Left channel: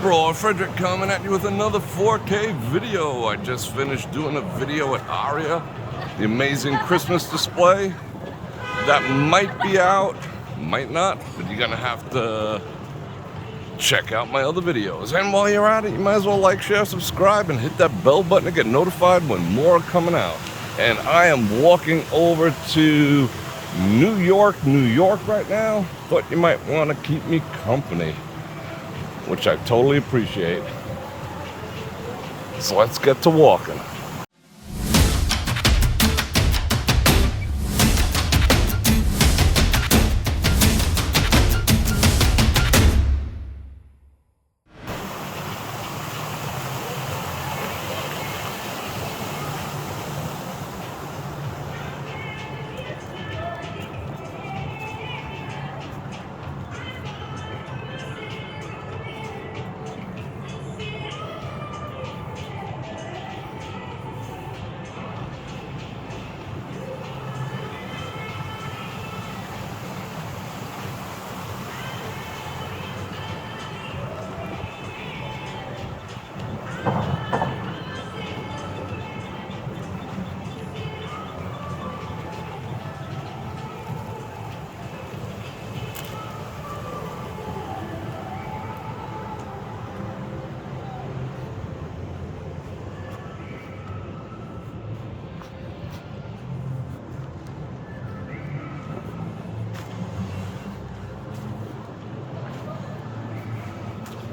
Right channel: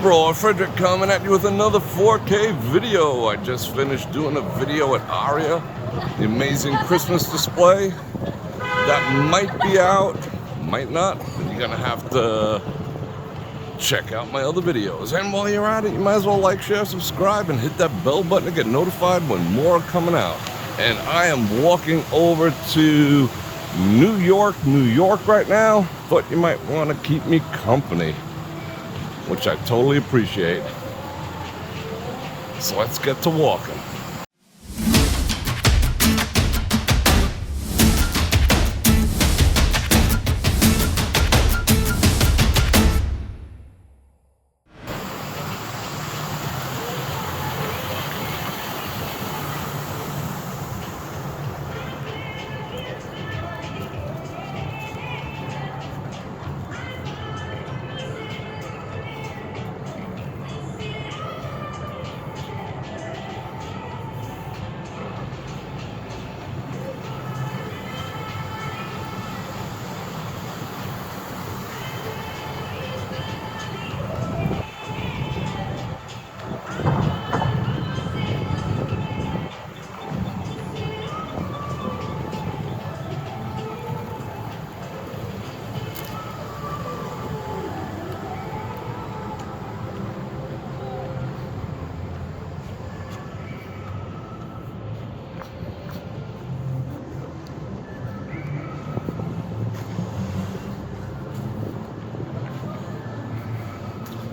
Bror Fredrik coming at you with another 4K video. I just finished doing a video at ARIA, the amazing Christmas display. That might be out, might not, but you're gonna have to check out my other videos. And while you're at it, you might as well like, share, subscribe, and hit that bell button to get notified when more are coming out. And I am walking over to New York right now, but you might want to keep me company, which I totally appreciate. So let's get to walking.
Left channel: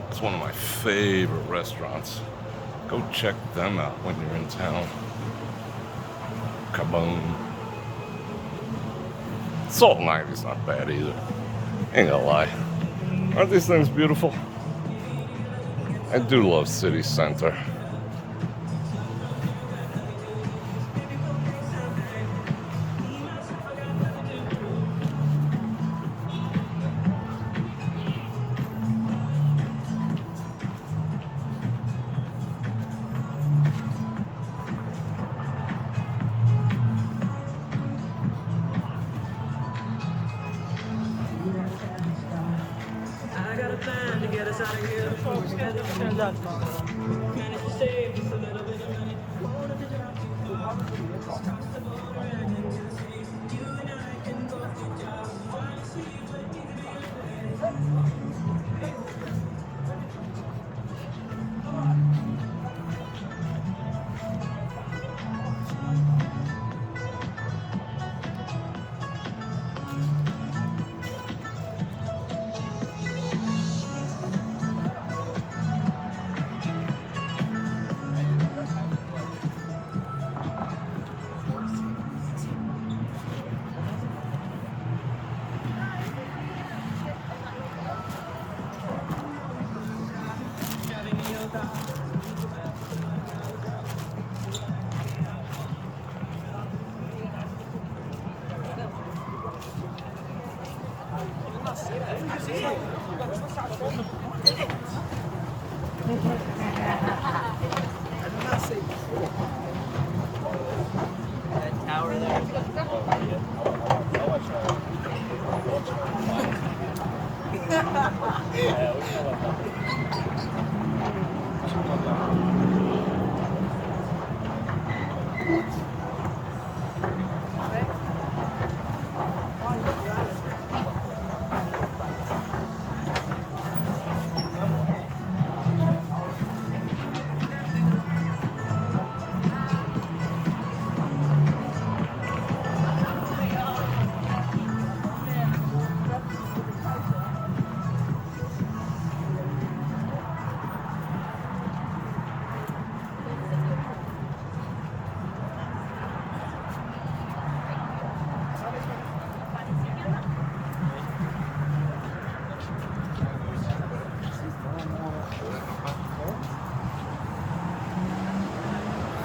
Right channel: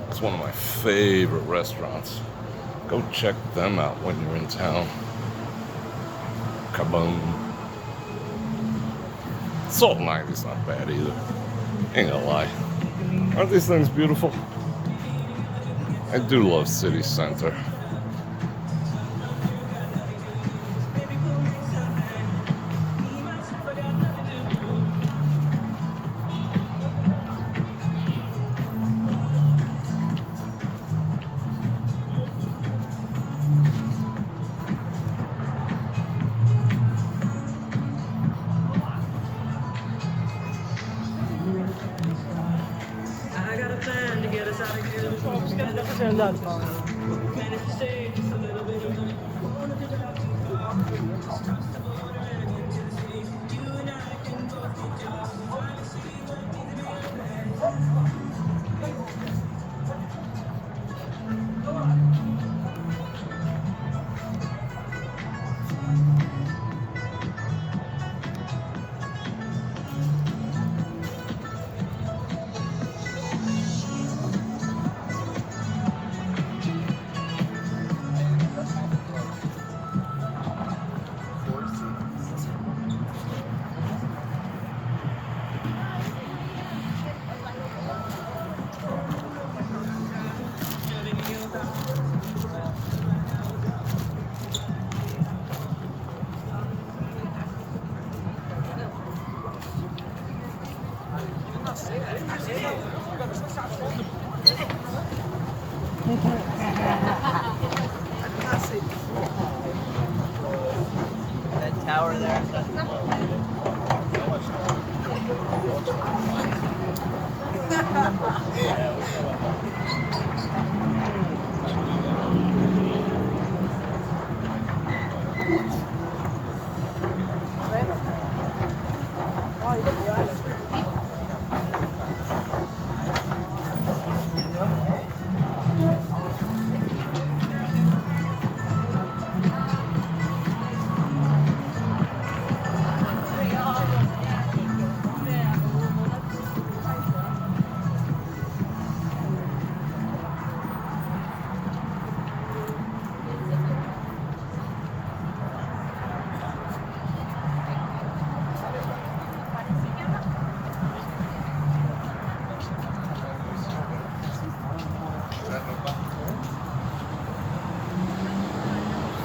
It's one of my favorite restaurants. Go check them out when you're in town. Kaboom. Salt and Ivy's not bad either. Ain't gonna lie. Aren't these things beautiful? I do love city center.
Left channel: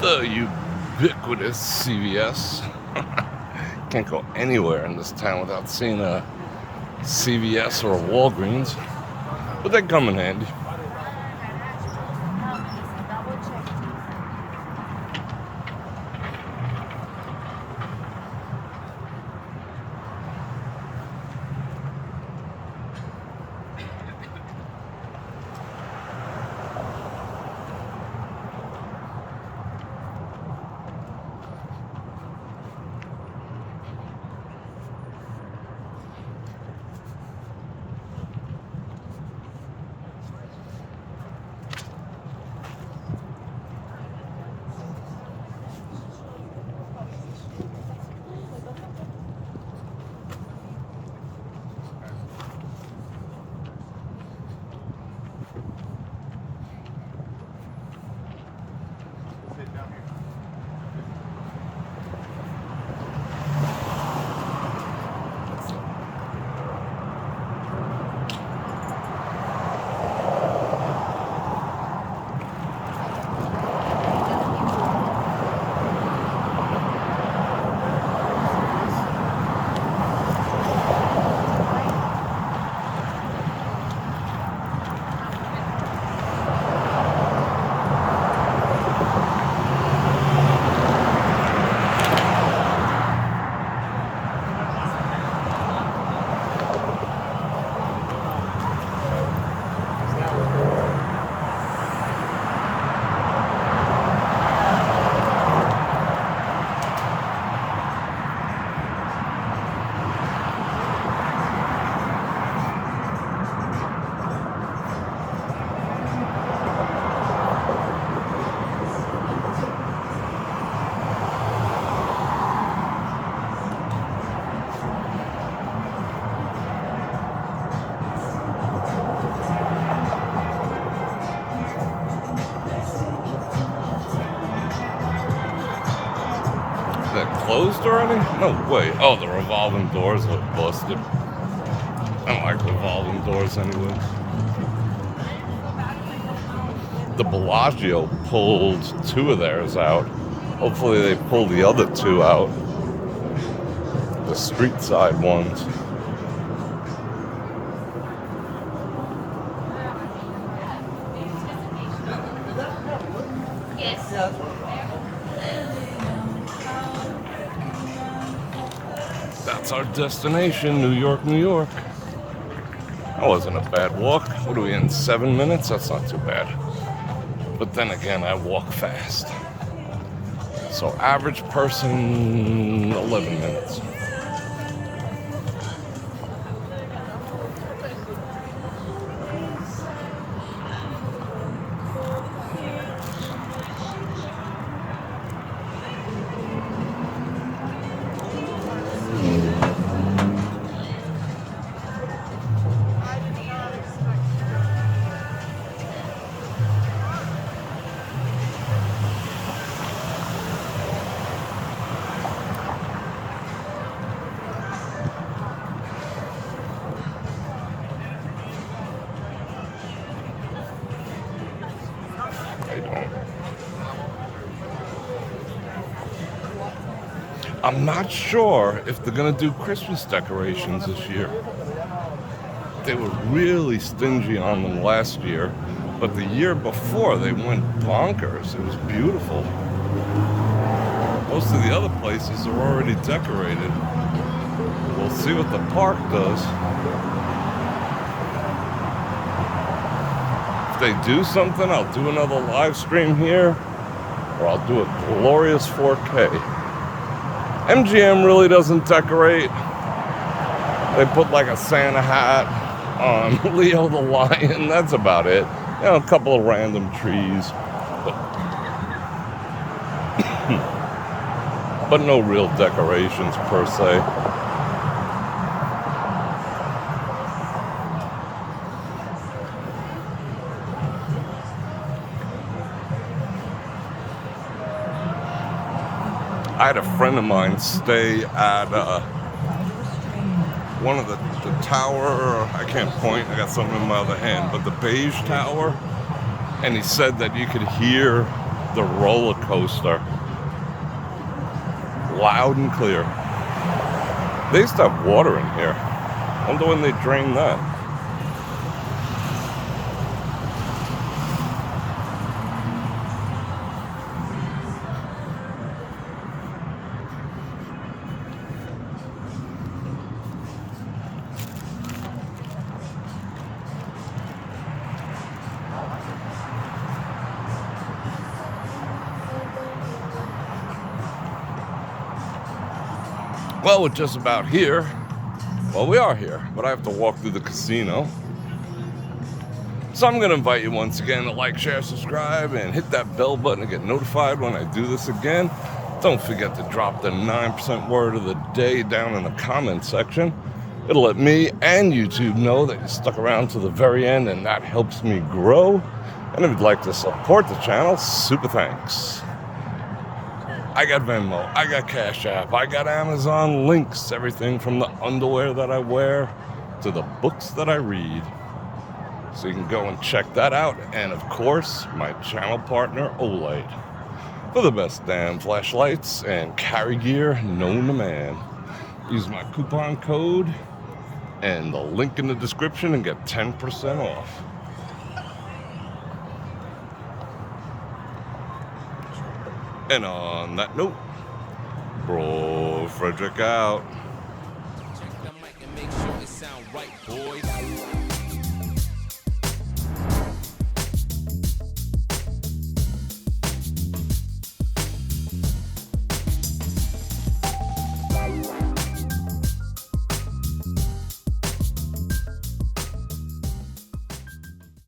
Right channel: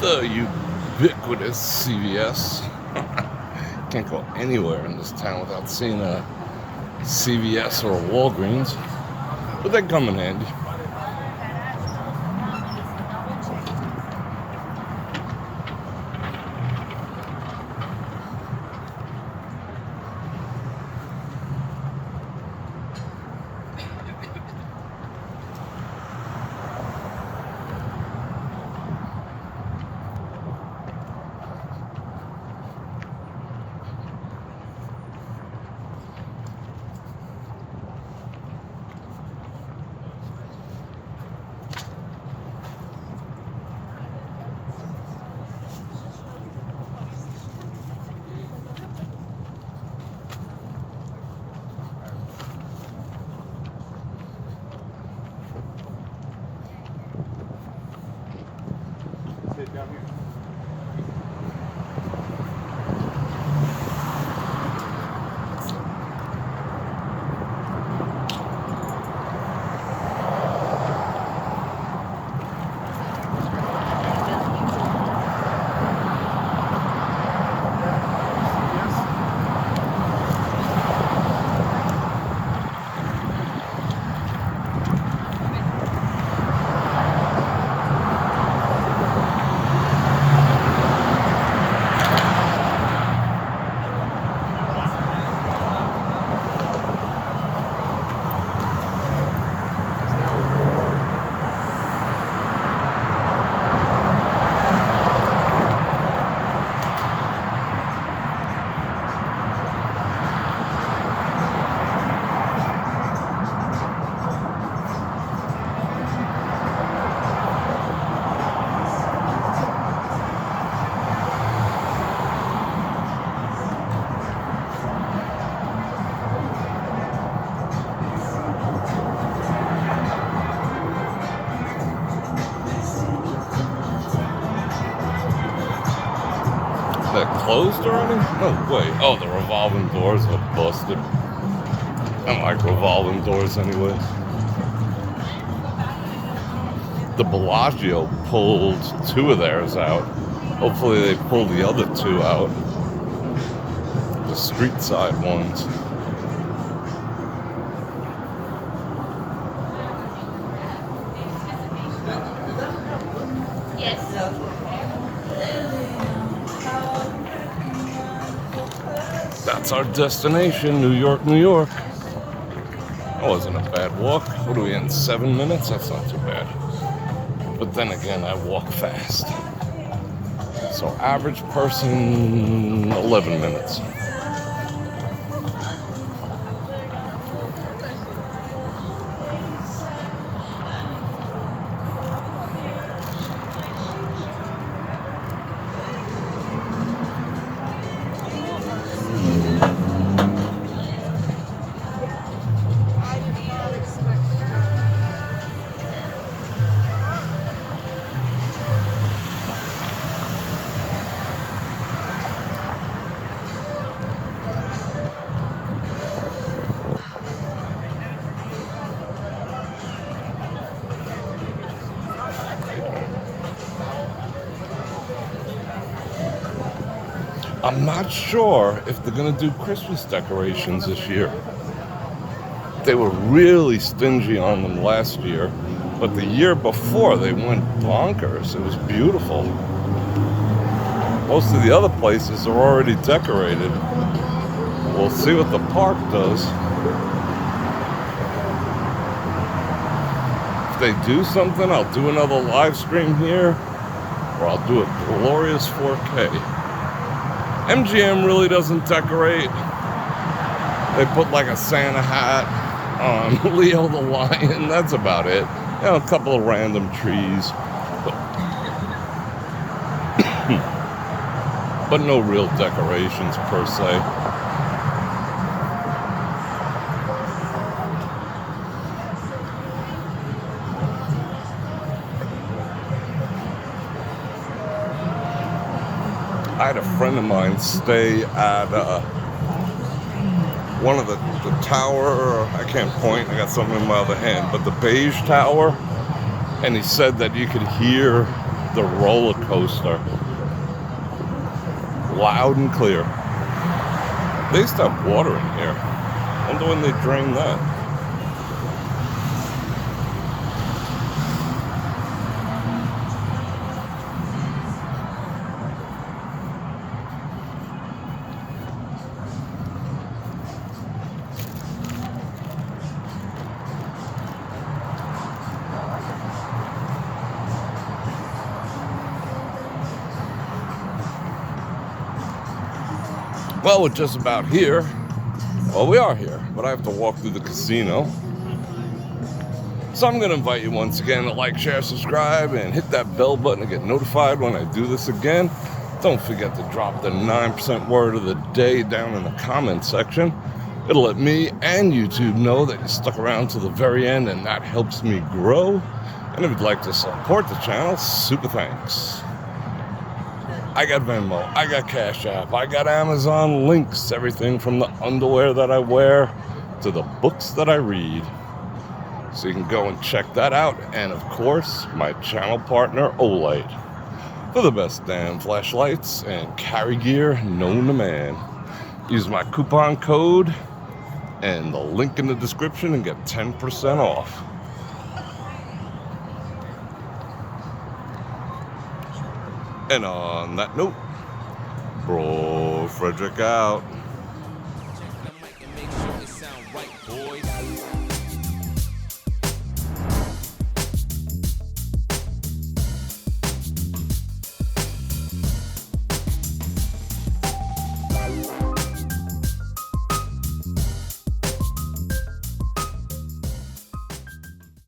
The ubiquitous CVS. Can't go anywhere in this town without seeing a CVS or a Walgreens, but they come in handy. That closed already? No way. Oh, the revolving doors are busted. I don't like revolving doors anyway. The Bellagio pulled 2 of theirs out. Hopefully they pull the other 2 out. The street side ones. That's our destination, New York, New York. That wasn't a bad walk. What are we in, 7 minutes? That's not too bad. But then again, I walk fast. So average person, 11 minutes. I'm not sure if they're going to do Christmas decorations this year. They were really stingy on them last year, but the year before they went bonkers. It was beautiful. Most of the other places are already decorated. We'll see what the park does. If they do something, I'll do another live stream here, or I'll do a glorious 4K. MGM really doesn't decorate. They put like a Santa hat on Leo the Lion. That's about it. You know, a couple of random trees, but no real decorations per se. I had a friend of mine stay at one of the tower, I can't point, I got something in my other hand, but the beige tower, and he said that you could hear the roller coaster loud and clear. They used to have water in here. I wonder when they drained that. Well, we're just about here. Well, we are here, but I have to walk through the casino. So I'm going to invite you once again to like, share, subscribe, and hit that bell button to get notified when I do this again. Don't forget to drop the 9% word of the day down in the comment section. It'll let me and YouTube know that you stuck around to the very end, and that helps me grow. And if you'd like to support the channel, super thanks. I got Venmo, I got Cash App, I got Amazon links, everything from the underwear that I wear to the books that I read. So you can go and check that out. And of course, my channel partner, Olight, for the best damn flashlights and carry gear known to man. Use my coupon code and the link in the description and get 10% off. And on that note, Bror Fredrik out. Check the mic and make sure it sound right, boys.